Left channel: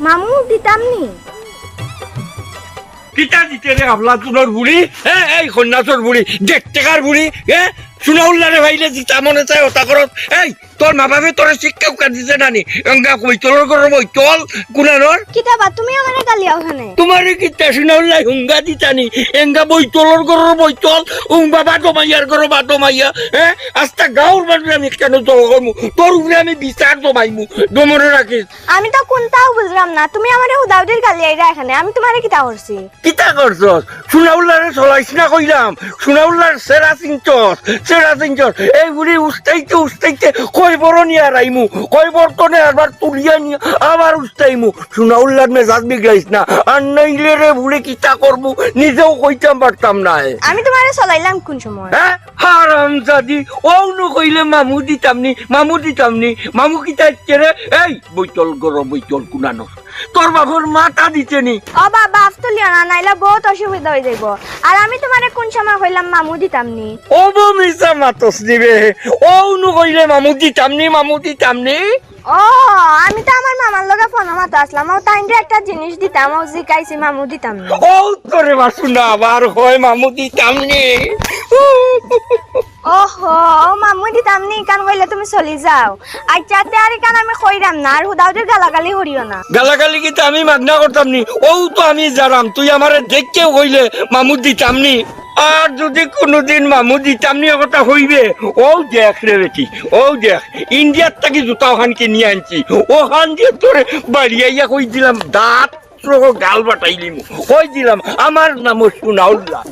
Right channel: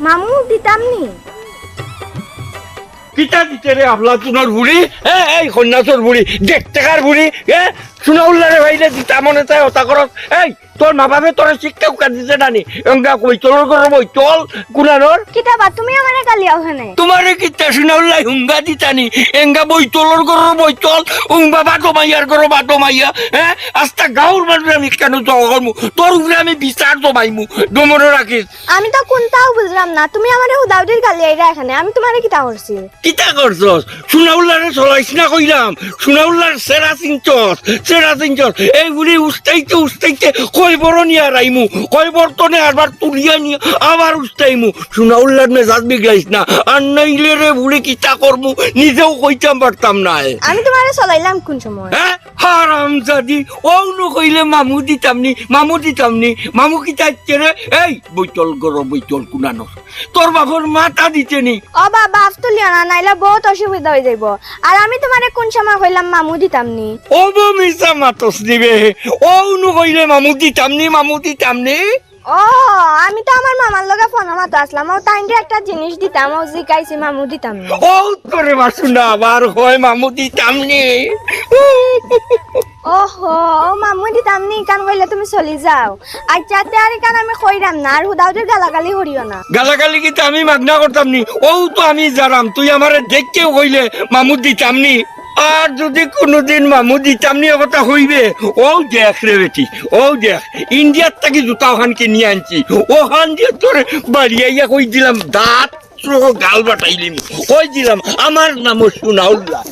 মামু দিতাম নি কিতা দিতে রে আবলা তুনর বুড়ি হ্যাঁ এই কন্যাসর বুড়ি দেড় টাকার বুড়ি হ্যাঁ শুনাউল্লারে ভাইলে দিতা মনে চাই ওটা করত এই তোর মা বাপে তোর শিক্ষা উকা দিতে নানি এঙ্গা কই চলর করো বই চল কুনানোর কিতাবা তুমি আমারে গালি ওখানে তোমারে কিতা শুনাউল্লাই হুঙ্গা দিতানি এঙ্গা বই চলর করো বই চল উং বাবা জমাইয়ার করো বা জমাইয়া হ্যাঁ আস্তা গাউর মারবে আমি কেন জগমু তোর উপরে আমি বিচার জমাইমু ডমরে রাখিস আমি তো কোনটাও বুঝলাম না তুমি আমারে হুদাউদির গালি আইরা এখানে আমি তোমারে কিতা করছি কিতা করছস শুনাউল্লারে চলাইছ না কইলাম শুনাউল্লার সেরা চিনছস এই বুড়ি উস্তাইতে কয় বড় নিয়ে রাইমু কয় বর্তনে আবার তুলিয়া নিয়ে আবার উস্তাইমু শুনাউল্লার মেজাজ বিগড়াইস না আর নইলে রে বুড়ি কিতা করমু নিজেও কইতাম পারতাম না আমি তোমারে চলাইলাম কোন সময় হ্যাঁ হারাম জাদি ওনু কইলে মামু দিতামনি মামু কিতা কেরে এই বইতল কুনানো তোর বাবুর মাথা দিতেনি ও বাবা তুলিয়া না নাইলে বহুত অসুবিধা হয়ে যাইব আর আমি তোমারে কোন সময় কইলাম মামু দিতাম নি ও মিসা মাতস দিবে ওনু কইলে মামু দিতামনি ও আমি তো আমার মামার লগে ফোন মাতো আসলাম ও তাইন্ডে একটা জিনিস দিতাম ও জিকাইছি মামু দিতাম নি ও তোরে মাসুনা আবার হয় মামু দিতামনি ওহো ও মামু দিতাম নি কান কইলে তুমি চলি যাও আচ্ছাতে আর কান আমি কইরাম না আর হুদাউদের গালাগালি হরিও না গালাগালি কি আমি মাগনা করতাম নি ও তো আমি জানাম তুই আমারে দেখকেও কইলে মামু দিতামনি আর যদি কোনোদিন মামু দিতামনি কথা হইবে ও দেখ রে বেটি ও দেখ ইন্ডিয়ার থেকে জুতা ওখানকে নিয়ে আনছি ওখান দিয়ে তোর বাড়িয়াইয়া কই দিলাম দাঁত গাল বাটাইলিম কই দিলাম আমার নাম শুনাউল্লাহ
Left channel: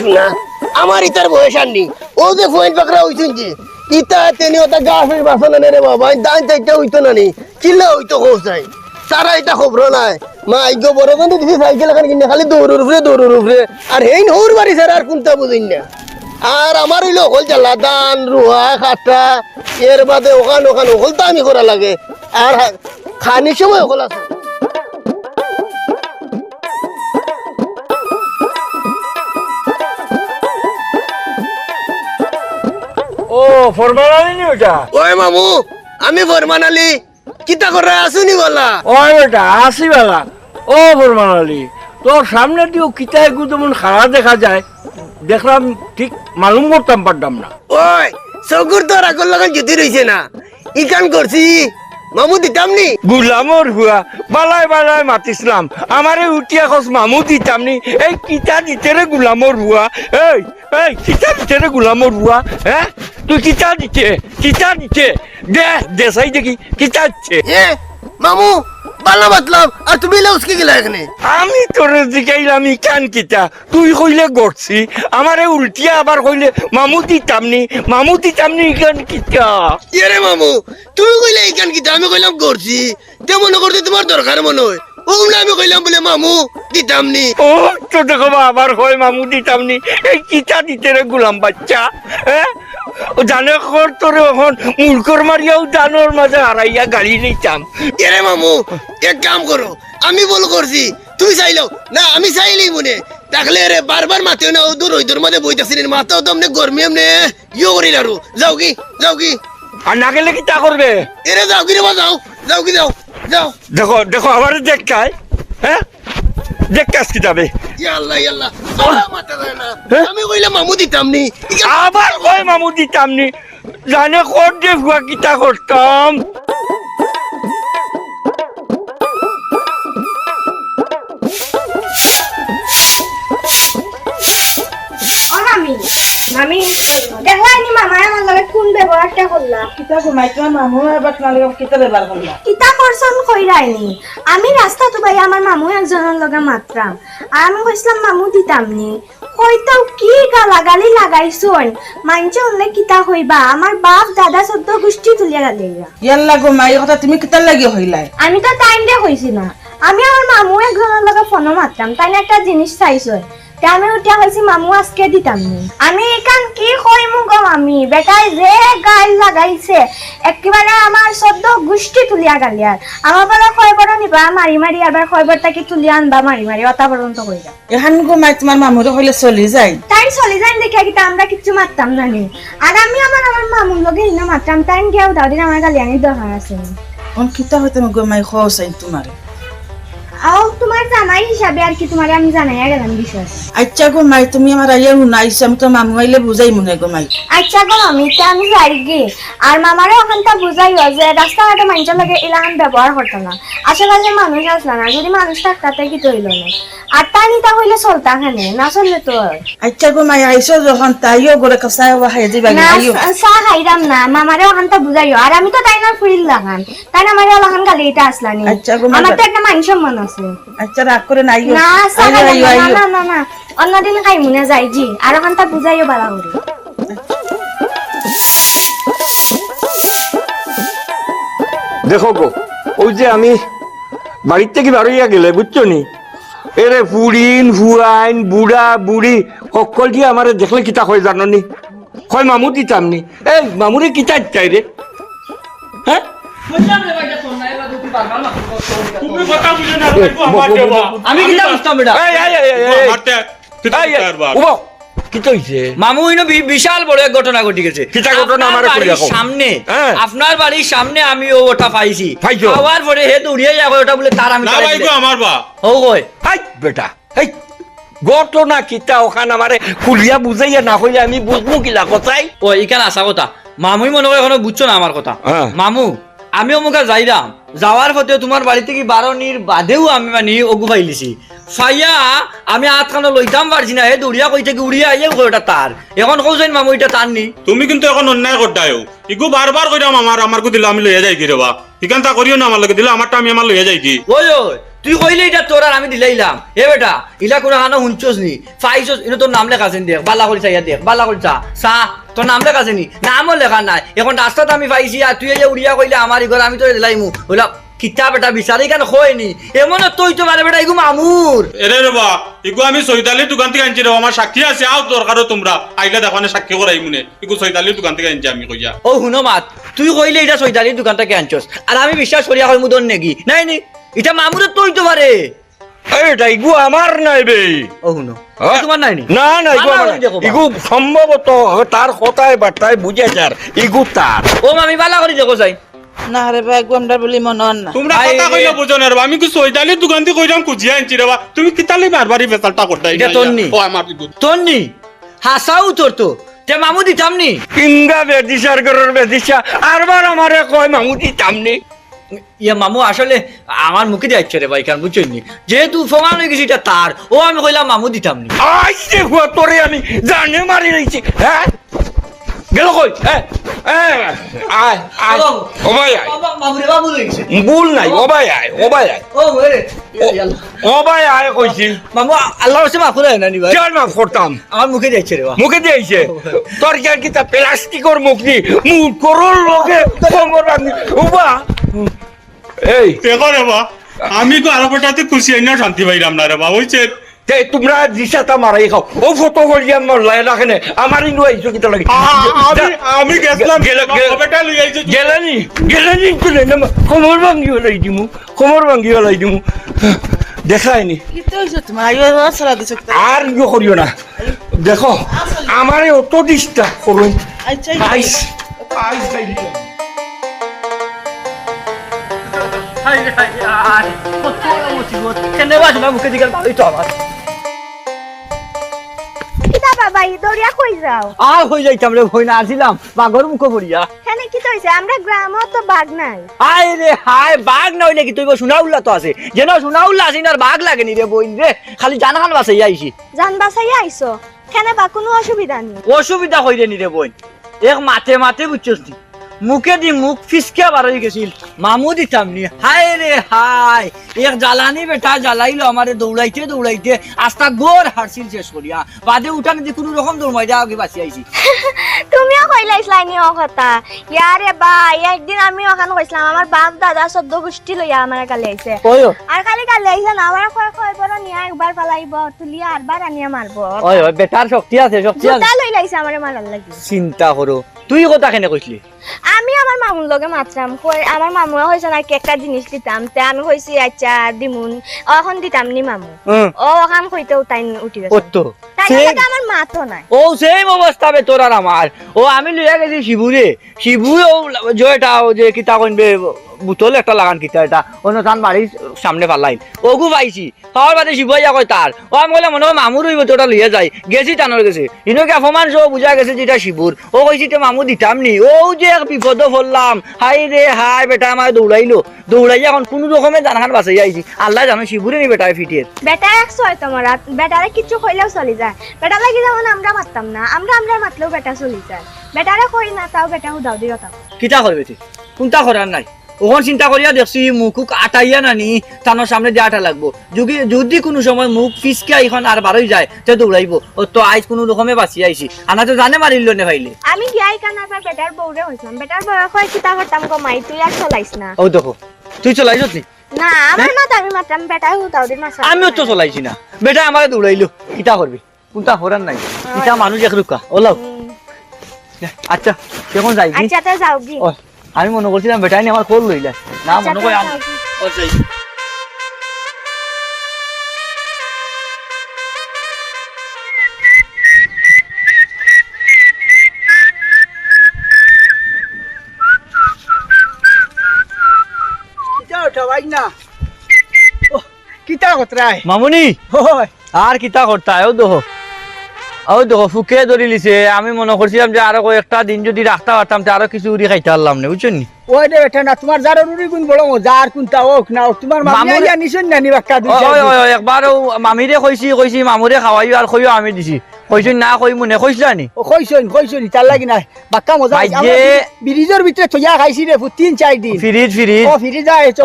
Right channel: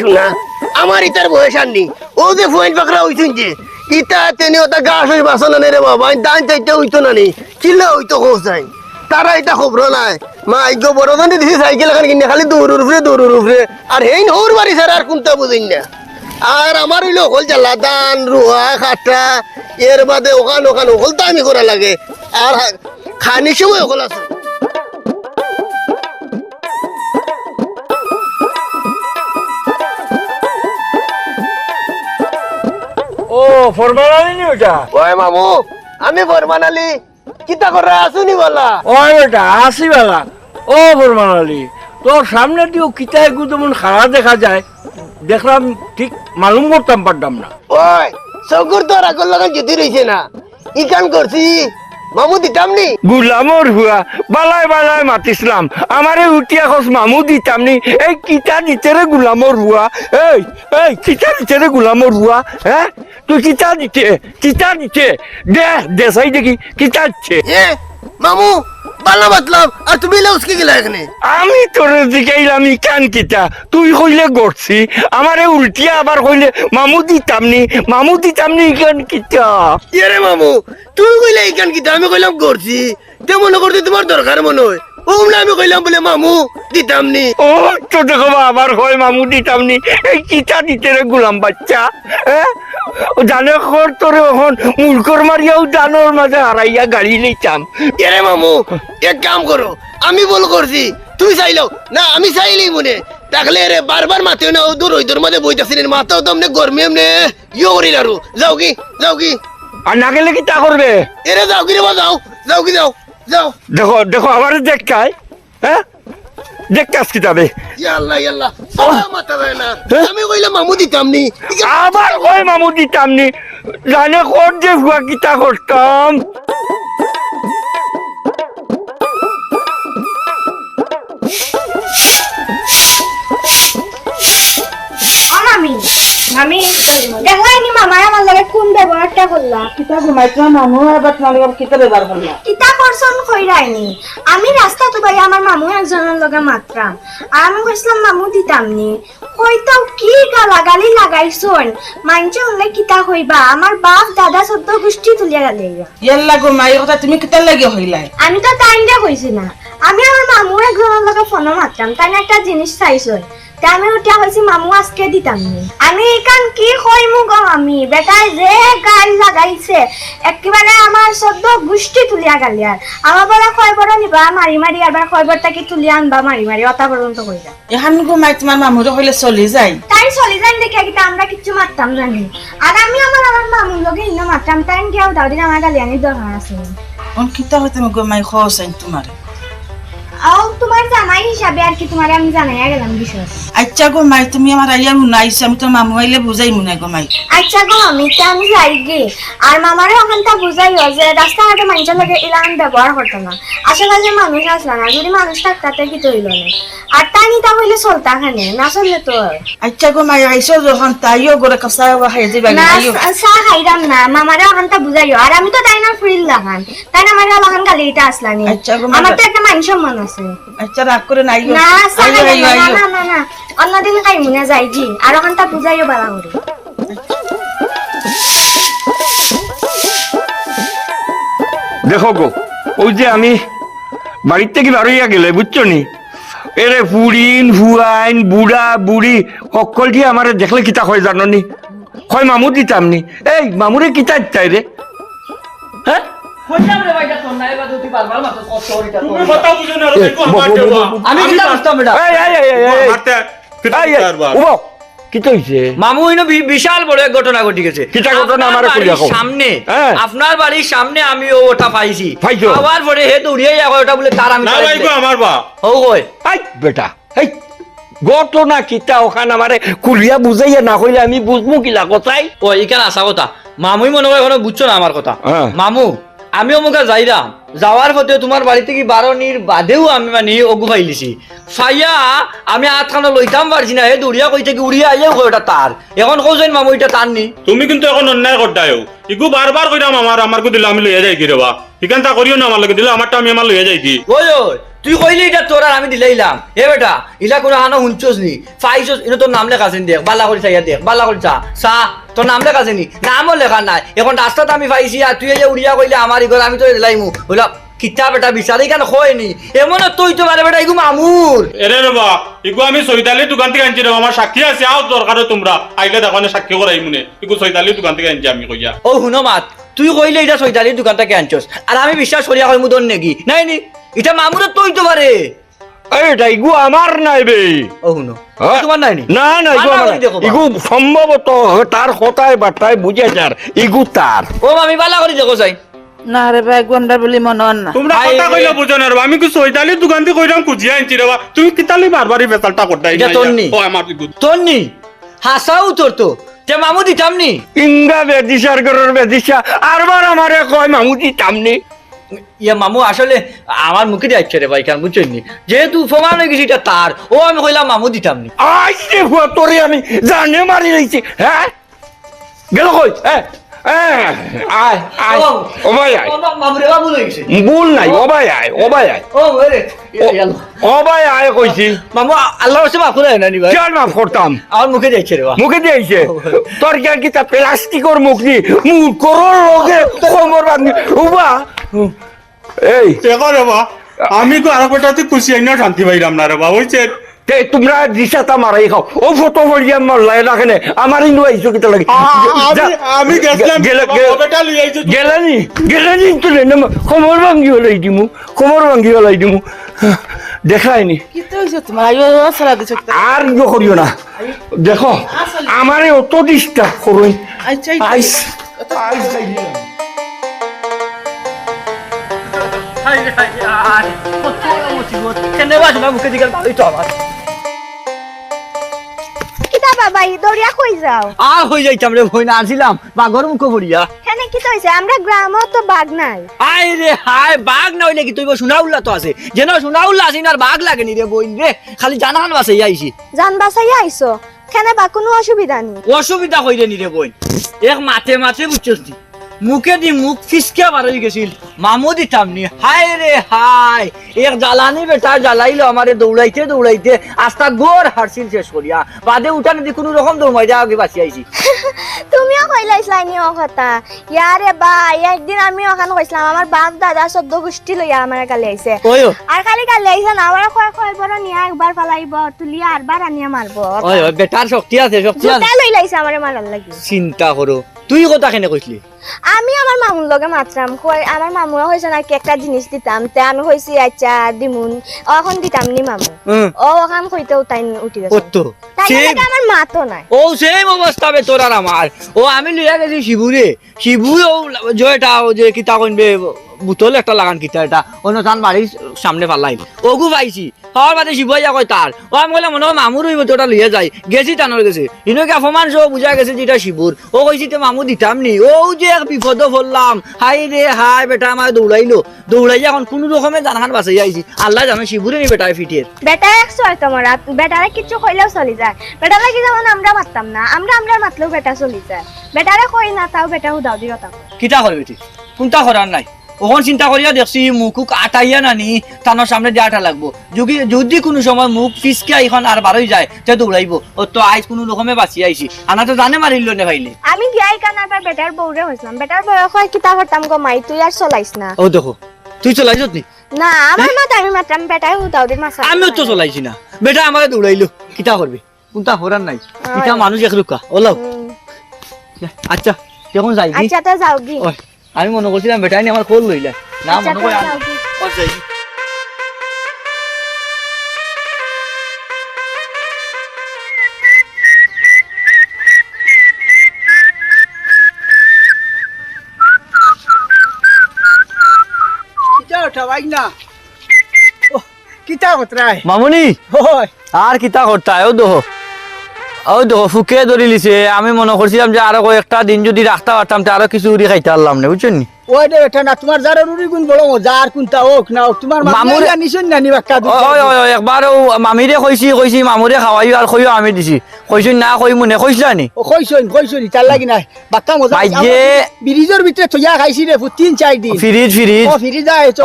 শোনা আমার ইতার বয়স আননি ও যে ফোন পাকড়া হইছেন যে ইতা তেনে ওটা গাছ হয়ে বাসনা নে রে বাবা দান চাইতে হইতো না নি কিল্লা হইতো হোসাই তারা এটা খবর নাই মা আইগো বড় দান দিছি সাইকেল এখন কিনে খালি দৌড়ুর উপরে আর হেইন হৌর বাড়ি স্যার আর কোনটা বুঝিন না আর আমার হইলো হল জ্বালা দান রুহা খাটা এর বাদে ওখান হলতা আমি করা লাগে আর খানি সময় হল আছে ও ফরমান আলী নি ওটা ওই মামু আমি ফরমান আলী কিতা করে আসুনি গলা ওই বেটা আসি বেলা ও ফরমান আলী তোর সামনে দিও কিতা একটু তেমন খারাপ দেখা যায় দেখলাম ঠিক মালুম করতাম পারতাম না ওই সগুর তোর আগর লাগান জুতি রইছে না ই কান করছি মামু দিতামনি গুলামর হুয়া বালায় মাতিসলাম আমারে উঠিয়া খস মামু দিতামনি এই কিতা দিতে রে গুলামর হুয়া এই কিতা দিতে রে গুলামর হুয়া হ্যাঁ তুই কিতা দিতে দে সাই দেখি কিতা দিচ্ছে এ মামু বালা মতলব আর তুমি লাউসকে গেলা এখানে আমি তোর দিকাইলাম কান কিতা তুই কইলে গড়ছি আমারে উল্টিয়া আবার কইলে মামু দিতামনি কান কিতা এরে মামু তুই কইলে এই কান কিতা আমি কইলাম করছি তে মনে করতে তোমার দরকার মনে হয় ওমলা আমি কইলাম বলে মামু দিতামনি ও তো দেখো আবার হয় মামু দিতামনি এই কিতা দিতে রে গুলাম বাচ্চা হ্যাঁ জানে খর তোর এখন মূর্খর মারিয়াও জানোর মাঝে হারাইয়া গাড়ি লইতাম এরে মামু এক কাম করো আমি বল করছি তুই চাইলো না আমি চাইলি মনে তাহলে রে বারবার মাতেও না দূর ওই দূর মধ্যে বইতাছিস মাথাও তো এমনি গরমি এমনি ইয়ে করিল আর যাও কি আর না গেলে কি তা করবে এরে যাও কি রে বা যাও দেখো আবার দেখ কাল হ্যাঁ দেখ কাজ কি যাবে ইয়াল্লাহ মাথা যায় না আমি কইলাম মামু দিতামনি আবার কয় মামু দিতামনি জানে কোন যে ভুয়া কিতা করতাম মামি দেখলাইনি মামায় আমার লগে কোন ব্যবহারটা করলা কিতা ঘুমাইছো মামু আবার তোমার লগে কিতা ব্যবহার করলা কিতা করছন কইরাইনি আমি রাস্তা তো ভাই আমার মামু একজনের লগে মাত্রাম আর আমি কইছিলাম মামু দিতামনি কইতাও কি গালাগালি লাগাইছন মানছে উনলে কিতা হইবা আমার বাপ দাদা সদ্য গোষ্ঠী তুলিয়া গালিয়া ইয়াল্লা গো মাই কথা তুমি কিতা লাগি হইলাই আমি তো টাইম দে কইছি না আমি আমার মামু একজনের লগে ফোনও মারতাম, তাই না একটা জিনিস চাইছো, তা আমি উঠিয়া হয়েছি মামু আজকে দিতাম নি। আমি এখান কি কইমু গো আমি, বেটাই যে গাল লাগাইছে একেবারে আমার শব্দ গুষ্টি তুলিয়া গালিয়ার। আমার বেলা কয়বার নিবা মারি মারি, আবার কয়বার তাকে তুলিয়া আনবা মারি মারি, অতা পর্যন্ত কইরা। এখন গো মাই তোমার মামুরে হইলে চলি যায়। তাই চলে যান দেখে কিন্তু আমরা কিচ্ছু মারতাম জানি। আর আমি আমার মামুর লগে ইন্না মারতাম, তাই গিয়াও দাউদিন আমার গালিয়ানির দরকার আছে। অন কিতা হতে গো মাই খোসাইন তোমার। আও তোমার জামাই হিসাবে আর কি তোমারে আমি জানাইয়া গেলাম বিষয়। আচ্ছা গো মাই তুমি আমার আইয়া শুনাইছো, আমি তো মামু আইলে বুঝাই মনে গো মাই। আচ্ছা গো আমি যাই গে, আর মামারে ওখানটা বুঝাইও যে রাস্তাঘাটে মানুষের লগে এলাকান ব্যবহার করতো না। আশেপাশে মানুষ আসলো না, যদি মানুষ থাকতে কি তৈল না। আর তা নিতা হইলে চলতা খানে না, চললে তো। আচ্ছা গো মাই আইসো যখন তাইও গরে কষা খাই যাবা না আইও। চা খাইরাম না, মামারে ওখানটা বুঝাইও। আর আমি তো তাই না ফুরিল লাগান, তাই না আমার ওখান গালি এটা আসলানি। আচ্ছা গো, আমার তো একটা মানুষ মন আছে। আচ্ছা রাগ করে নাই না চা খাইরাম না, না না না অন্যদিন খাই মনে যাই জি, আর ওখানটা বুঝাইও বালা করে। দেখো গো, ওই যে আমি বাড়ির থেকে বারোইয়া গেলে বুঝছো নি, এরে ফুরিন ফুয়াইন বুড়া বুড়ি সকলটি আমার দেখলে কিতা হয় জানো নি, হয় মামু দিতাম নি। এই মামুরে কিতা চাই রে, হ্যাঁ মামু ইনো বিশাল বড় এক ঘটনা ঘটে গেছে। কিতা ঘটনা আপনার আমারে কইয়া বাড়ির কও। সামনে, হ্যাঁ। আপনার বাড়ির সামনে আমি ওটা পাইছি। পাইছো? পাওয়ার পরে হে দৌড়িয়ে যাবো ওটা বলে তার আমি আমার বা ও কই হাই বেটা, হাই ঘটনা কিতা ওখান আমারে খুলিয়া বুঝাইয়া না হইলে আমি বুঝবো কিলা কথাই। ও এখানে আসা কথা মামুই মনে হয় এখনো বুঝছো না আমার কথা। হ্যাঁ। মামু আমি অমুকা যাইরাম, যাওয়ার পথে তোমার বাড়ি থেকে বারোনির বাদেও আমি মানে অগু ফাইলিছি। ফাইয়া আমি আটখানো লইতাম পারছি না, হে দৌড়িয়া কই থেকে উড়িয়া আইয়াও কই ওটা তার। এখন কৌছেন মামু এটা তার নি। তুমি কিন্তু এখন অন্যায় করতায়ও ইগু বারবার কইরাম আমারকো দিলে আমি লইয়া যাই কি রে বা ইখান তা করিও না, আমার লগে দিলে আমারটা আমি আমার লইয়া যাই কি। ওই ওই তুই কইলে এটা তোর আর আমি দিলাইলাম। এ বেটা ইলা করে হানো শুনছস নি ফাইছস, এটা তোর নাম লেখা আছেন দেখ, বালা করে চাইয়া দেখ, বালা করে চা চা তোর নাম লেখা আছে নি? নামও লেখা নাই। এখন রাস্তাতে আমি পাইছি আর তুই যে উড়িয়া কইলে আমার ঘর আমি তো দিলাইমু বললাম কিতা বেটা বিচারি কেন হয়নি এমন তুই তো মানে বেটা ইগু মামুর। এরে রে বা ইগু আমি চৈতালির দোকান থেকে আনছি রে, আমার সাক্ষী আছে, আও দরকার তোমরা আইলে দেখো সাক্ষী করাই মনে ইগু চৈতালির দোকান থেকে আনছি আমি কইয়া। ও শুনো মাত, তুই কইলে এটা চৈতালির দোকান থেকে আনছস আর আমি বিশ্বাস করিয়া কই মুদন নেকি নাই নি, এটা মামুরের তুই তো পারে। এটা ইগু আমার নাই বে। ও শুনো তোমার নাই নি? না না ইগু বালা আমার করে দেখো বা। ইগু সম্ভবত তার কথায় বার্তায় বুঝে যার ইগু তার। ও আমি বালা করে দেখো যাই না রে ভাই গন্ডা বলি মনে হয় না। তোমরা আই কথা রে। কইলে বুঝো না রে বা, আমি কি চৈতালির দোকান থেকে কইরাম কুজিয়া আনছি রে বা, তুমি কিতালি বারবারই বেতালটা করতাই। এটা তোর নি? ও আমার ইগু তোর নি হাসাও তোর তো তে মামু দিতাম নি। ইংগা বেদিসার ঘরের বেদিসা আরবার আমারে কয় মামু দিতাম নি। ইয়া মামু আসলে আমার মুখে যাচ্ছে রে ভাই, কারণ বুঝছেন নি যেহেতু প্রমাণ হয়ে গেছে এটা তার, ও আমি কইলাম মামু দিতাম নি। আইছে হুয়া তোরে আমি জানে মারি রইছি। হ্যাঁ গেল কই, হ্যাঁ হ্যাঁ আয় আয় ও ভাই আয়, মামু রে বাবু লই গেছে। ভুল নাই ও ভাই আয়, ও ভাই আয়, ও রে ও ভাই আয় কইছি। মামু আল্লাহর কাছে মাফ করে না নি ভাই, কেন মাফ করতাম? আমার মুখে যাচ্ছে রে বা। মুখে দিয়েছে তোর জ্ঞান কি তা প্লাস্টিকর মুখ নি মুখ করর লগে কোমর উবা। এই দেখো রে বা, আমি কো আর কটাতে খুশি আইনা শান্তি পাইলাম না রে বা, হইছে তে তোমরা দিশাটা মারাই খাও ও ফটো বলিয়া মারলাই রাখেনে আমার ইনু আইছো কিটা লাগে। আমি গেছিলাম বেটা লই আইছো গেলানি গেলানি কিলে না কোমর ভাঙ্গি হলাই দিমু, কোমর ভাঙ্গি হলাই দিমু দেখাইনি। কি তো হইছে তোমার আইও সারা দিছে কিতা। আর ইয়ে করিও না, দেখো আমারে অত ডিস্টার্ব করুন। আচ্ছা আইস হাই হাই আর কত মুসিবত কেনে বাজ না মুখে দিকে ভালোই তো আমার। কিতা বাবা ই দৌড়িয়া কই যাও? আর হই যাইতাম রে ভই না আসিলাম বাগর মুখ পড়িয়া। এখানে কি হইছে? আমরা গ্রামও তো বাঘ নাই। আই রে হাই বাঘ না হইলে কি তুই সোনা উল্লা তো আছে, যেন সোনা উল্লা আছে আর বাঘ লাগেনি রে বইন রে, খালি জানান বাসে আইছি। জান বাসাইয়া আইছো, কেনে বা কোনো অসুবিধা নেই। অসুবিধা হইরে নি রে বইন, এক মাঠে মাঠে বুঝছস তুই মুখে দি মুখ ফিসকে বার হয়ে গেছিল, মামু দিতাম নি। হাই রে হাই এক জ্বালানি বেটা জ্বালাইলো আমারে দৌড়াইতে দৌড়াইতে আস্তা গোর হারছিল শেষ করিয়া, বাদে উঠানে দি কোনো রকম দৌড়াই যা আগে বাঁচি আইছি। তুমিও কইলাইছলাই নি ও কথা ইয়ারে ভাই একদিন আমি ওখানে কইছিলাম আমার বাপ দাদা 14 গোষ্ঠী লইয়া আমার কালে আইছে ওই আর খালি কালে আইছে না আমার কয় কয় বড় নিয়া একবার পালাইব তুলিয়া আরবার আনিয়া মারবো ওই বেটার শক্তি আছে শক্তি আছে জুতা লইলাইছে আমারে মারার লাগি চিন্তা করো তুই কথা কেন কইছিলি আমি আমার মামুর লগে মাত্রাম কই আমার মামুরা হইছে নাকি একটা জিনিস দিতাম তে আমি কইছি আচ্ছা দিমুন এখন দিতাম নি মামু ও ওখান কইতেও তাই উঠি গেছে কত তাই সেই লাগে আমার মা তো নাই ও সেম অবস্থা বে তোর আর আমার ও আমি লইয়া গেছি শিবুরে শিবু ও জয়টা ও যে কিতা কইবে বুতল একটা লাগান কিতা এটা অনুষ্ঠান বাড়ির সামনে পালাই ওগু পাইছি খাওয়ার বাদে শিবাইয়া কয় তার ও আমি বললাম মনে হয় মামুর হইব তোটা লইয়া যাই গেছি টানোর গেছে ইনোকে অপমান সব বুঝা গেছে যেটা শিবুর ও কইছি তো মামু দিতাম নি ও যে এক বিপদ পড়লাম হাই রে হাই বেটা আমার দৌড়াইলো দৌড়াইয়া এখন কোনো রকমে জানখান বাঁচাই আইছি আল্লাহ জানো শিবুরে নি বেটায় ফিটিয়ে বেটা একশো হয় তোমার বেটারে কিছু কইলেও চলি যায় বেটা লাগি যেমন আমরা মারতাম না আমরা মাতলেও বেটা চলি যায় বেটারে কই না তাও বেটা উদাও দিও তাও কিতা করবে তুই কোনটা করার নাই ওখন চিন্তা করিয়া দেখছি মুখুক আটাইয়া নানি তানোর সামনে দিয়ে আটা লাগবো যদি কোনো সময় মুখ ফিসকে এখন আর বারোই যায় তে দৌড়াইবো ও তো আইজ কোনো রকমে বাঁচি আইছি আনা তো জানে মারিল নে ভাইলে আমি গিয়াই কানার পর বেটার বউরে হইছিলাম বেটার বউরে কয় কিতা করতাম গো মাই তুই আর চলাইস না ও দেখো তুই চলাইছ নি না আমার মাথা আমি মারতাম বেটাই উদাও দিন মাসা আমিও তো চলাইছি না বেটা আমাকে দৌড়াইলো কিতা করবে কোনটা করার নাই কিতা মানুষ এক রুকা ওলাও আচ্ছা কেমন যাই আচ্ছা তে যাও গি আমি মনে করছিলাম বেটাই নি আমার কোল লইলা না আচ্ছা মনে তে করি যাও গি আচ্ছা কিতা ওঠা ভাই না ও কিতা কতরাই মামুনি হয় আর কিতা করতা ও দেখো ফুকে ধরি লিছে আমি মনে করছিলাম যে আরো কয়েকটা দিন যদি রাখতে পারতাম তো আরো কিছু উড়ি খাইতে পারলাম না বুঝছেন নি ওই রে বেটা না তোমার যার রুরি গুণ বড় মজা আর কোনটা হোক না হোক, তোমার মামি মামুরে- আইয়া নিছন না নি বাক্কা দুই চার দিন। একবার মামিরে কইছি মামুরে খাওয়াই আর কইও আমি দিছি কইছি না কই মনে কইছিলা নি ও কইছন তার লাগি নাই বাক্কা মজা ভাই আমার যে- ব্রিজের ভিতরে থইয়া খাইছি রে 3-4 দিন ফ্রিজ ও ফিরি যায় তো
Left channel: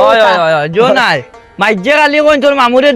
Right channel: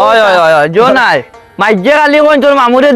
জো নাই মাইজে কালি কইন তোর মামুরে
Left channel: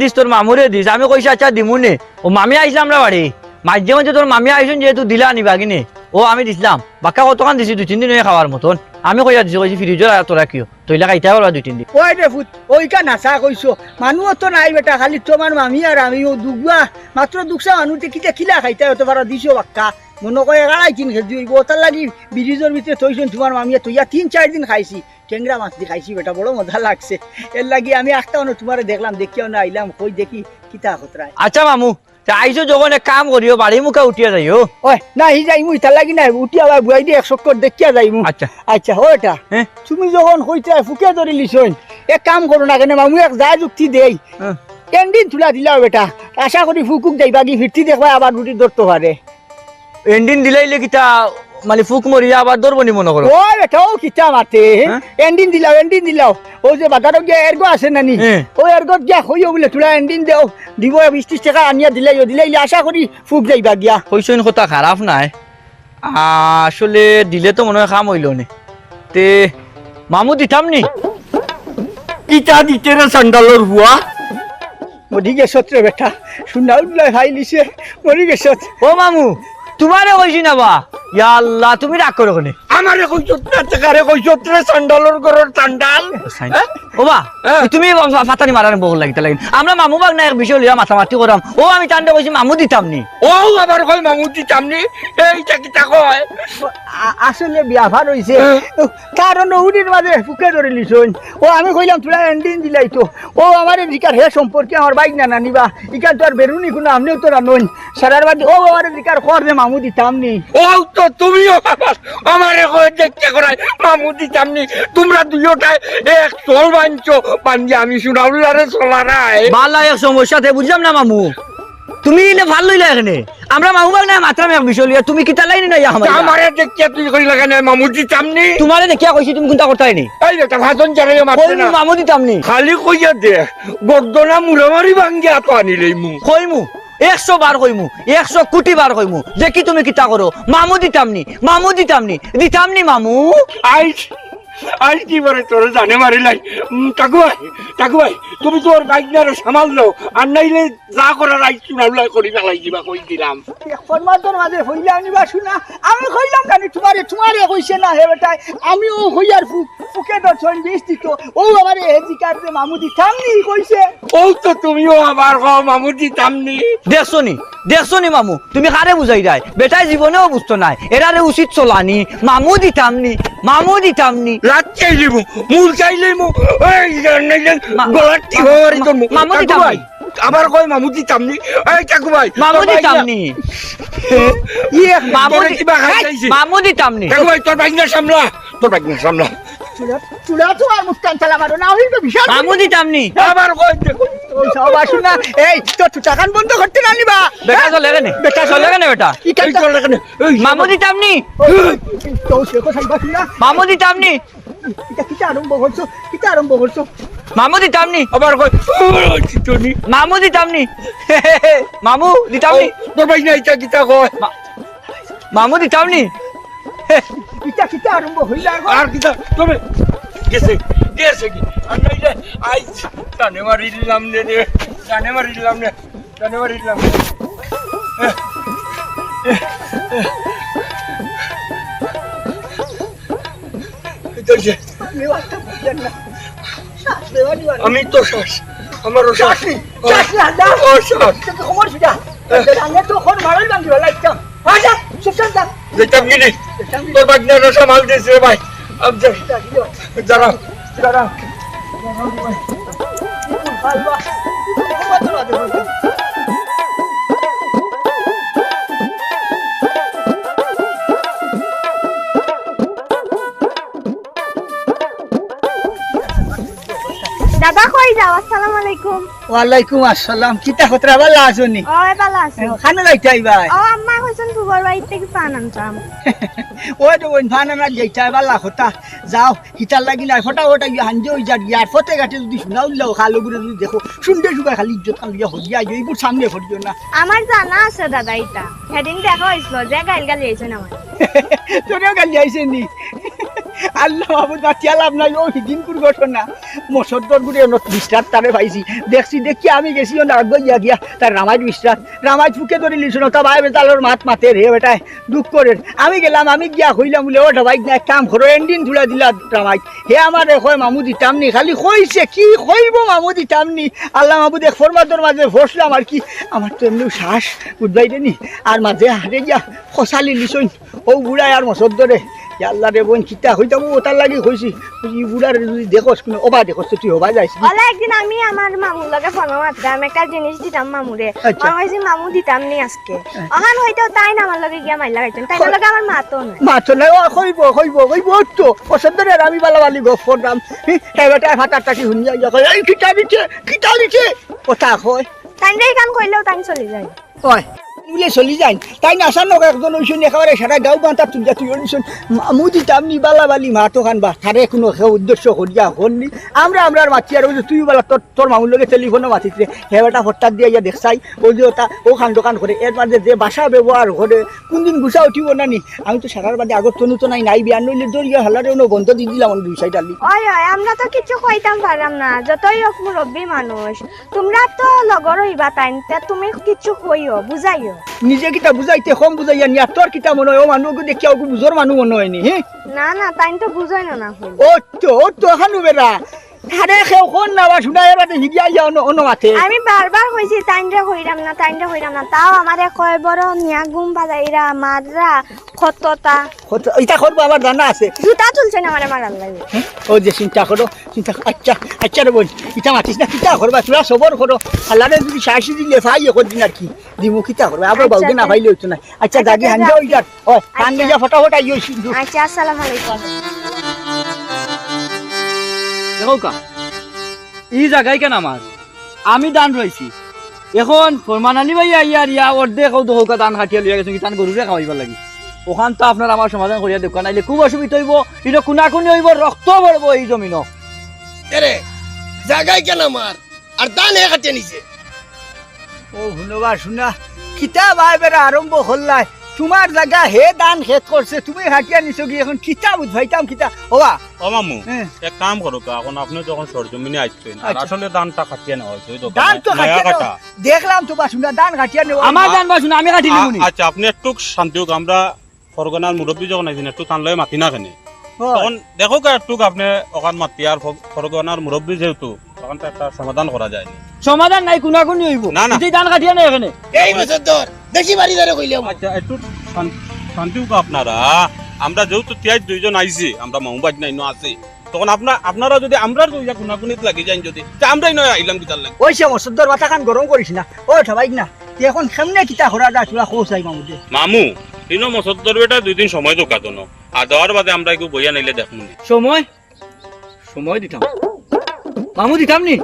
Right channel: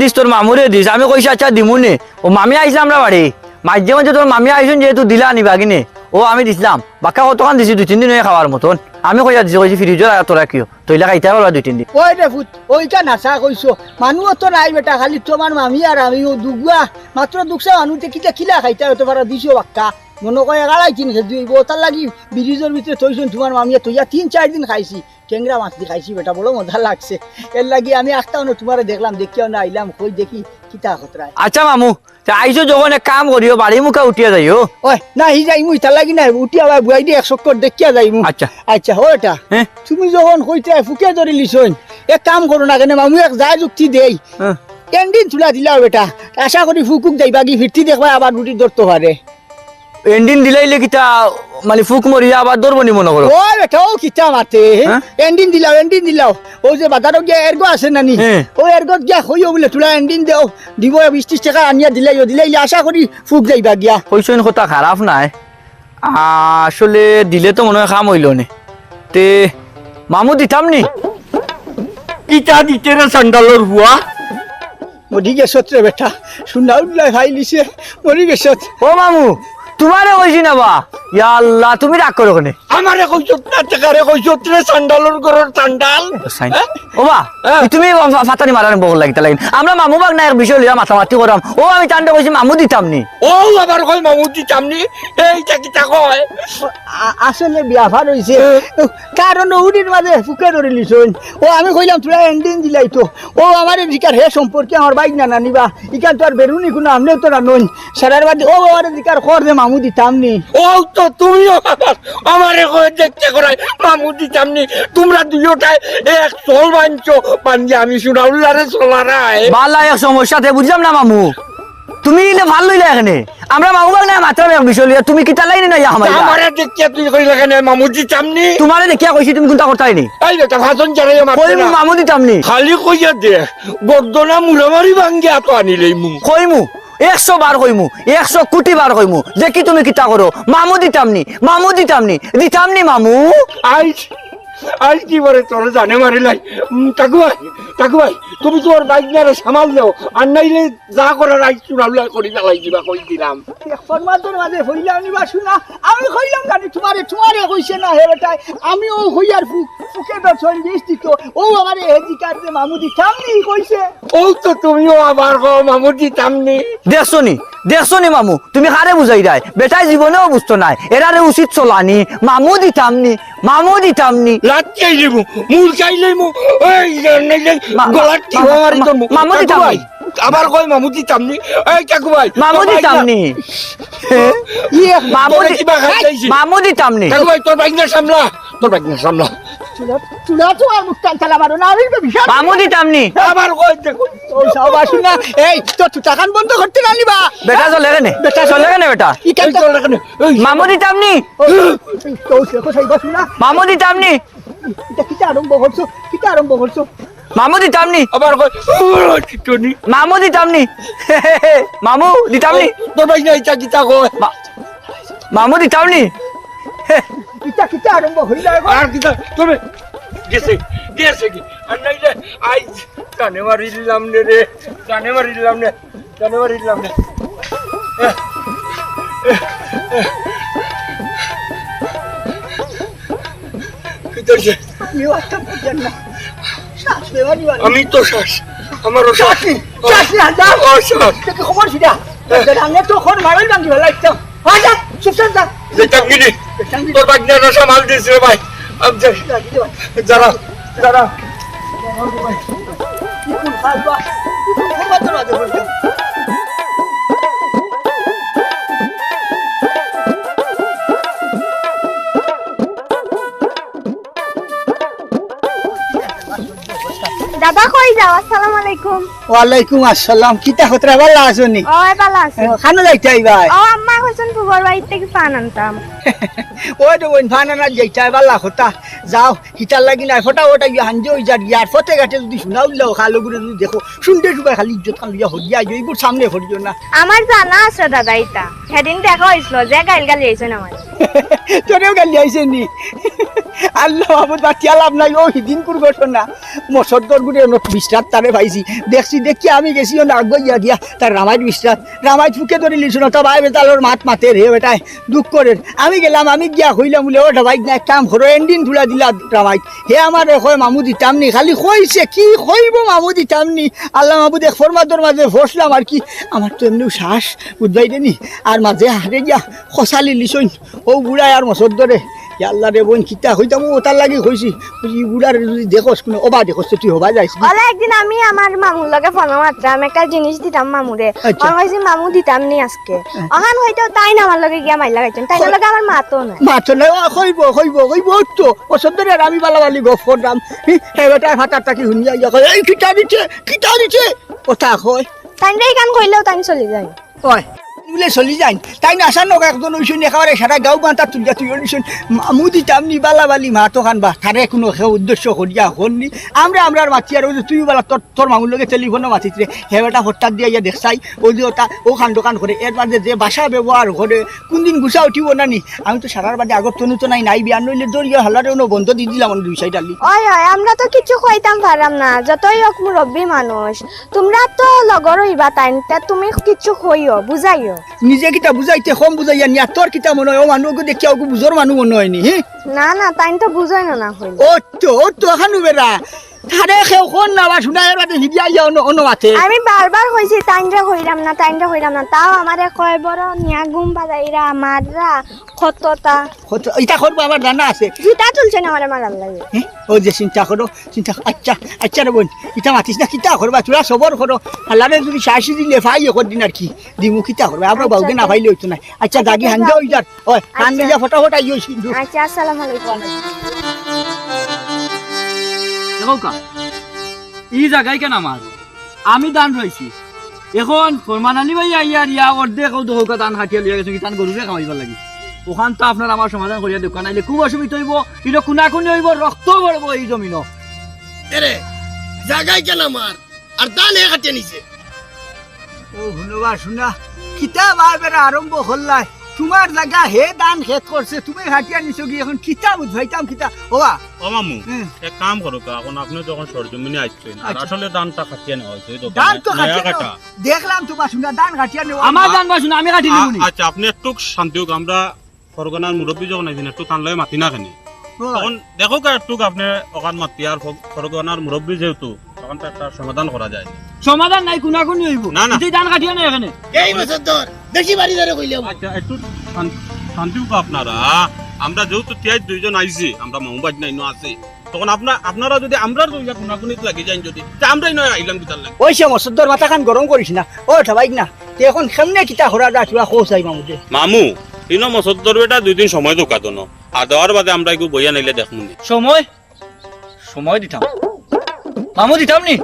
দিস আমি কইছি আচ্ছা দিমুনে ও মামি আইছে আমরা বাড়ি মাইজে কইছে তোর মামি আইছেন যেহেতু দিলা নিবা কিনে ও আমি দিছিলাম বাক্কা কতক্ষণ দিছি 2-3 দিন হয়ে খাওয়ার মতন আমি কইয়া দিছি কইছি ফ্রিজে তোরা কিও তইলা খাইতে পারবা 2-3 দিন ওই রে ফুট ওইটা নাচা কইছো মানুষ তো নাই বেটা খালি তোমার মামি আর আমি ও দুগুয়া মাত্র দুগসা মানুষে কিটা কিলা খাইতে হতে পারো দিছো বাক্কা মনে করে গাড়াই কিন খেয়ে দিব তার লাগি ব্রিজের ভিতরে থইছন তোমার মামিয়া তৈয়া 3-4 দিন খাইছি টেংরা মাছ দিয়ে খাইছি বেটা বড় মজা লাগছে এর লাগি আমি একটাও না তোমার দেখলাম দেখিও না আইলাম কই দেখি কিতা খতরায় আচ্ছা মামু তা আইছো যখন এক কাম করিও বাড়ি মুখা উঠিয়া যাইও ওই না হি যাই মুই তার লাগি না উঠিয়া ভাই বুয়াই দিয়ে 1 চক্কর দেখিয়া যাই মু আচ্ছা আচ্ছা ও এটা হ্যাঁ তুমি যখন কইতে ফুকে ধরে লিছন এক কাম করো না কেন মামু এক যা যুক্তি দেই হ্যাঁ একদিন তুলা দিলা বেটা আশা করি ফুকুক যাইবা কি ফিরতি দেখবা আবার রুটি ধরতে পারে এন্ডিন দিলাইলে কিতা মানে ফুক মরিয়া আবার দরবনি মনে করো ও বেটা ও কিতা মারতে হ্যাঁ? এন্ডিন দিলাও ও যে বাজারত গিয়া এরগো আছে নানি হ্যাঁ। ও এরগত গিয়া কইও বলে তুলা এন্ডিন দেও দিব 20-30 টাকা আনিয়া দিলাইলে আশা করি ফুক যাইবা গিয়া কইসন কথা খারাপ নাই আসলে দিলে তো মনে হয় খাম হইল নে তে মামু দিতাম নি কিতা দিতে রে সান্ডালর বুয়া মরি গেছত রে বেটা শুনা উঠলাই ভাই লিছে মরি গেছত ও মামু তোমারে কইছি না বা ইয়া আল্লাহ তুমি রাগ করো কোনে আমারে কইছত না টাকারে কইছত রে সান্ডালর ঘরের সান্ডাল ও বা তুমি ফাতানি মারার বল লাগিতে লাগিন আমরা মামু বাগ না এক বিষয় লিয়া মাথামাতি করাম ও আমি তান্ডা কইছি মামু দিতাম নি ও আবার কই মামু দিতামনি এইটা কিতা কয় আসলে বিয়াভার হইছে কারণ উড়ির মাঝে ফুকে ধরে লিছন ও আমি কইলাম তুলা এন্ডিন দিলাই তো ও আমার দিকার হে সম্পর্কে আমার বাইক না নানিবা ইকান তো আর বেরুনি কোনো আমনেও তো রানুন সারার বাদে ও আমার দিকার কর যে মামু দিতাম নি ও তো তুমিও আমারে কই দেখতে করাই মামু দিতামনি তোমরা দুইটাই এক চল বাঞ্চো বাঞ্জি আমি শুনাউলারে চলারাই বালা এক সমস্যাতে বুঝলাম না মামু তুমি ইলে ভাল লইলা এখানে আমরা মামু বাগ না মাত্রা এক বিষয় লিয়া তুমি কিতা লাইনে না ইয়া আমারে দেখতে তুই কইলা কেন মামু দিতামনি তোমারে দেখিয়া কইছি তুমি কোনটা করতে নি ওই বেটা ভাষণ চালাইও মারতে কই না মামু দিতাম নি খালি কইয়া দে গর্দনা মুরামারি ভাঙ্গিয়া তো আনিলেই মু কইমু 100 বার কইমু 100 কোটি বার কইমু দেখি তুমি কিতা করো মামু দিতাম নি মামু আজ কি বলে তোর জানে মারিলাই কাকু ভাই তুমি তোর বাইক না সামাল দাও আর নাইলে যা করার আইস শুনাউলাই করি ফেলাই দিবা কই দিলাম ফরমাদর মাঝে হইলা নিবা শুনা আমি কইলাম জানি তোমারে কইছে না হে বেটাই আমি ও হইয়ার ফুকে দর্শন বিস্তৃত ও আমার এদিকার যে মামুদি সামনে কইছে ও তো তুমিও আমার মামুর দিতামনি। দেখছো নি মামু তুমি কারে বুঝাই রায় বেটাই জীবনেও বুঝতো নাই এরারে উচিত চলানি মামু দিতামনি লাটকাই লিমু মূল খাই লিমু ওই গলার টিপ মারি তো মামু দিতামনি। আবার কই মামু দিতামনি এই কাকু ভাই মামু দিতামনি মামু দিতামনি কাকু ভাই তোর বাইক না সামলা চুলা তো আর মুস্তান চালা মারো না হইবে বিশাল মামু দিতামনি আবার কই দেখো ও সব আসুনা এই তো টাকান বন্ধ করতে না নিবা বেটা চলে গেনে বেটা চলে বেটা কি কাজ তোর লাগানে এই মামু দিতামনি তো সে কথা শুনা মামু দিতামনি এটা কিটা আরম্ভ করছো মামু দিতামনি আবার কই টনি মামু দিতামনি মামু দিতামনি তোর বাইক না ইটা কিটা কই মামু দিতামনি কিটা আরম্ভ হইলা আর কিটা তুমি গেছে কি আর নাইলে আই কানে মারিলাম রে কানে মারিলাম আমি তো শ্বাস আমারও শ্বাস খবর ছিটা আমি তো খন মারাই বাঙ্গি ভালো একদম আচ্ছা চুপচাপ যা যেতাম গিনি তোর বাগনাটা সামাল দিয়েছে ভাই যারা দাদা কই যাও? আসসালামু আলাইকুম। ওয়ালাইকুম আসসালাম কিতা খতরা ভালো আছনি ও ভালো আছি। খানা যাইতাই ভাই ও আম্মা কইছেন ফুবর বাড়ি থেকে পান আনতাম। ওই তো ওই ফানানা যাইতাই ভালো কথা যাও হিতার লাগি না ফটা ওটা গিয়ে হাঞ্জে হই যার ইয়ার ফতে ঘাটে যদি শোনা উল্লাও খালো গুলো যদি দেখো শুনতে শুকা খালি ইজ্জত খালি হইয়া এইগুলো সামনে ফরিও না আমার জানা আছে দাদা এটা। সেদিন দেখা হয়েছিল যে গালি আইছেন আমার। তোরেও গালি আইছে নি আল্লাহ বাবু বাচ্চা লাভ নাই ও দিনপুর ঘটনা মসদ্দর গুড়ে বিশ্রাত তারে পাইছি দেখি আমি গেছি ও নাগ গিয়া তার রামাইট বিশ্রাত রামাইট ফুকে ধরে লিছ না তা ভাই বেতালোর মাতে রে বেটায় দুঃখ করে আমি গেলাম আমি গিয়া হইলাম বলে ওটা ভাই না কাম করো এন্ডিন ধুলা দিলা রামাইট হে আমার কয় মামু দিতামনি খালি কইছে কি কইব মামু দিতামনি আল্লাহ মাবু দেখ ফরমাদর মাঝে ফসলাম আর কি আমার তো এমনি শ্বাস বুঝবাই দেনি আর মাঝে হারে গিয়া খসালি লিছইন ও বুড়ায় আর মসদ্দরে আল্লাহ রে বোন কিতা হইতাম ও তার লাগি কইছি ই বুড়ার যদি দেখোস কোনো ওবা দেখোস তুই হবা যাইস ওলা একদিন আমি আমার মামুর লগে ফোন মারতাম একটা জিনিস দিতাম মামুরে। আচ্ছা। আমার কইছি মামু দিতাম নি আজকে। অহান হইতো তাই না আমার লগে গিয়া মাইলা গাইছেন। তাই লগে আমার মাতো না। মাছলে কইব তো পছন্দের আর আমি বালাবালি গপ করলাম হেবেটা ফাটার টাকি শুনিয়া ইয়া কয় এই কিতা দিছে কথা কয় তাই এই কাম কইলেও তাই চলে যায়। কয় বলে চলি যাই তাই না আসার নক একজন ওইসন একেবারে সারা গাঁও বান্তা তুলিয়া তুই ওইসন মুদি তামনি বালাবালি মাতো খানবা তারে কোনো উদ্দেশ্য করিয়া হননি আমরা মাতি আর তুই বালা তোর মামুর লগে টেলিফোনে মাতিছে হেবেটা হঠাৎ দিয়ে ইয়া দেখছাই ওই যে ওটা ও খান দোকান করে এর মাঝে যে বাসা ব্যবহার করে কোনদিন গুছা উঠিব না নি আমি তো সারার বাদে আগর তনু তো নাই বিয়ান নইলে দরিয়া হলারে বন্ধ দিয়ে দিলাম দুই সাইড আলি ওই আমরা তো কিছু কইতাম পারাম না যতই হোক মুরব্বী মানুষ। তোমরা তো লগর হইবা তাই তুমি কিছু কইও বুঝাইও। নিজে কিতা বুঝাইতে কম বুঝাইয়া নিয়া তোর কিতা মনে হয় ও মানুষ দেখি ওকে বুঝোর মানুষ মনে হয়নি হ্যাঁ না তাই তো বুঝাই না হইল। ও তো খানু বেড়া তারে কেউ কোন না বা শুনাই বাদে হিদিয়া ইয়া অন্য মাথে আমি বারবার কইছি তাইনরে হইরাম না তাও আমারে কয় বড় নিয়া ঘুম বাজাইরা মাররা খততা এটা করবো আমার জানা আছে জুতা চলছে না আমারে মারার লাগে। ও যে চিন্তা করো আচ্ছা রে বোন ইটা মাতিস না কিতা করবা তোরা সবর করো আল্লাহরে যদি শাসি দিলে ফাই কর দিন আর কি দিমু কিতা করবে আবার বাউকে না ফাইলে হইতো না আচ্ছা দাদি হান্দা হই যার ওই হান্দে যা ফটাফট আইও সিন্ধু আচ্ছা আসসালামু আলাইকুম। দেখো এই জায়গায় কেন আমার আমি দান রয়েছি এখন ফরমান আলী ভাই ইয়া অর্ধেক হোকা দান খাটিয়া লিয়া গেছে তান গরুরে খাওয়াইবার লাগি ওখান তো আপনার আমার সমাধান করিয়া দোকান আইলে খুব অসুবিধা হইব এটা কোনাকুনি হইব রক্ত পড়বো এই জমিন এরে জায়গায় কেন আমার আর দান হে কাটে নিছে ও শুনবা শুনা কিতা ভাই বেড়া আরম্ভ হল্লাই তোমার জায়গা হে দান খেত করছে তুমি হাটিয়া নিছো কি এখন কিতা বুঝাইতাম কিতা ওয়া ও মামু হ্যাঁ। এক কাম করো কা, এখন আপনি যখন সরজমিনে আসছেন আর আচ্ছা। আসলে দানটা খাটিয়ে নেওয়া হয়েছে ওই তো দান তো নয়া হাটিয়া কাটা। নেওয়া। দেখলাম তো বাসুনা দান হাটিয়া নেওয়া আমার জানবা শুনে আমি কাটি নিবনি আচ্ছা আপনি একটু শান্তি হোক, আমরা ফরগনার মুরব্বী যখন আইছেন একটু টান লয়ে মাতি না কেন তখন দেখো কা একটু আপনি ওখান মাতি আর ফরগনার মুরব্বী যেহেতু তখন তো একটা সমাধান করা যায়। সমাধান নাই কোনাকুনি হইব না, না। তুই ধান কাটিয়া নেই এখানে এই বছর তোর বেশি বাড়ি ধরে কইলাম আচ্ছা একটু শান্তি হোক আপনারা, আমরা যেহেতু তিয়াই দুইজন আইছি, আমরা মামুবাজ নাই আছি, তখন আপনারা যদি আমরা কোনাকুনিত লাগি যাই যদি তা আমরাই নয় আইলাম কিতার লাগে। ওই সে মসদ্দর মাথা খান গরম করিস না ও ঠাবাই না তে এখন কেমনে কিতা করা যায় তুই খোঁজাই মামুদে মামু তিন মসদ্দর বেটা 2 দিন সময় দোকাতো ন আর দেওয়ার বাদে আমরা একটু বইয়া নাইলে দেখুন। সময় সময় দিতাম মামু দিতাম নি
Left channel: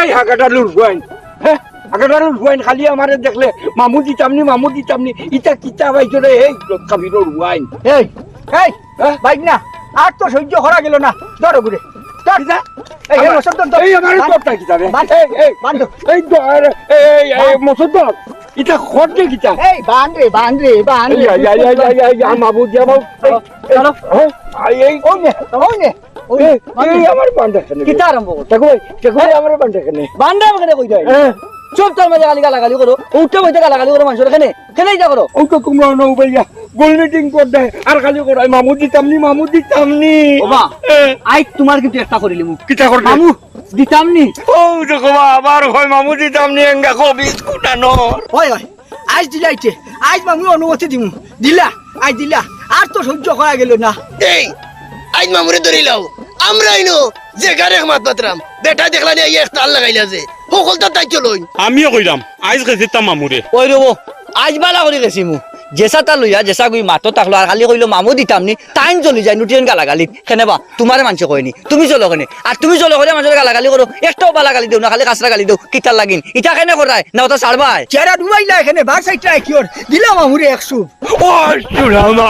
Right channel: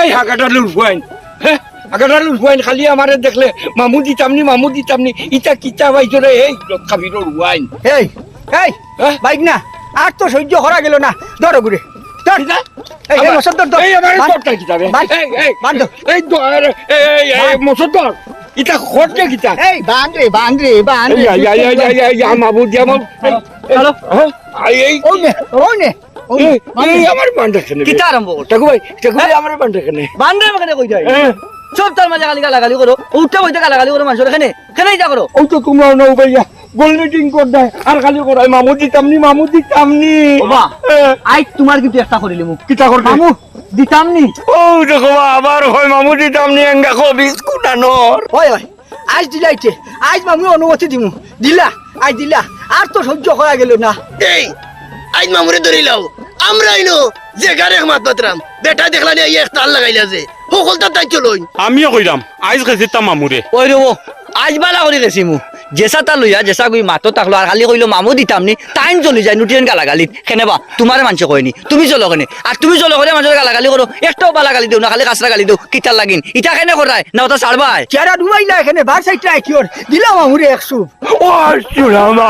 এই হাগাটা লুরবাইন হ্যাঁ হাগাটা লুরবাইন খালি আমারে দেখলে মামু দিতামনি ইটা কিতা পাইছো রে এই কাবির রুয়াইন এই এই হ্যাঁ? বাইক না আর তো সহ্য করা গেল না ধরো ঘুরে ধর কিতা? এই এই মসদ্দর ধর এই আমারে তোরটা কিতা রে বান। এই বান ধর। এই এই মসুদর ইটা খরচে কিতা এই বান রে মামু দিয়ামু এই ও নে ও নে ও নে। আমার বান্ডা কেন কিতা আরম্ভ কর টাকুই আমার বান্ডা কেন বান্দা আমাকে কই যায় সব তার মাঝে গালাগালি করো উঠতে বইতে গালাগালি করো মানুষের এখানে এখানেই যা করো ও তো তোমরা নৌ ভাইয়া গোল মিটিং কর দেয় আর খালি করাই মামু দিতামনি বাবা আই তোমার কিন্তু একটা করিলি মুখ কিতা কর মামু দিতাম নি ও দেখো আবার হয় মামু দিতামনি এঙ্গা কো বিস্কুট আনর ওই ওই আজ দিলাইতে আজ মামু অনুমতি দিমু দিলা আজ দিলা আর তো সহ্য করা গেল না এই আজ মামুরে ধরিলাও আমরাই নো যে গারে মাত পাতরাম বেটা দেখলা নি এক তাল লাগাইলা যে সকলটা তাই চলই আমিও কইরাম আইজ গেছিতাম মামুরে ওই রবো আজ বালা করে গেছি মু জেসা তা লইয়া জেসা গই মাতো তাকলো আর খালি কইলো মামু দিতাম নি টাইম চলি যায় নুটিয়ান গালাগালি কেনেবা তোমার মানুষ কয়নি তুমি চলো কেনে আর তুমি চলো করে মানুষের গালাগালি করো একটাও বালাগালি দেও না খালি কাঁচরা গালি দেও কিতার লাগিন ইটা কেনে করায় না ওটা ছাড়বাই চেহারা ডুবাইলা এখানে বার সাইডটা কিওর দিলা মামুরে 100 ও সুরামা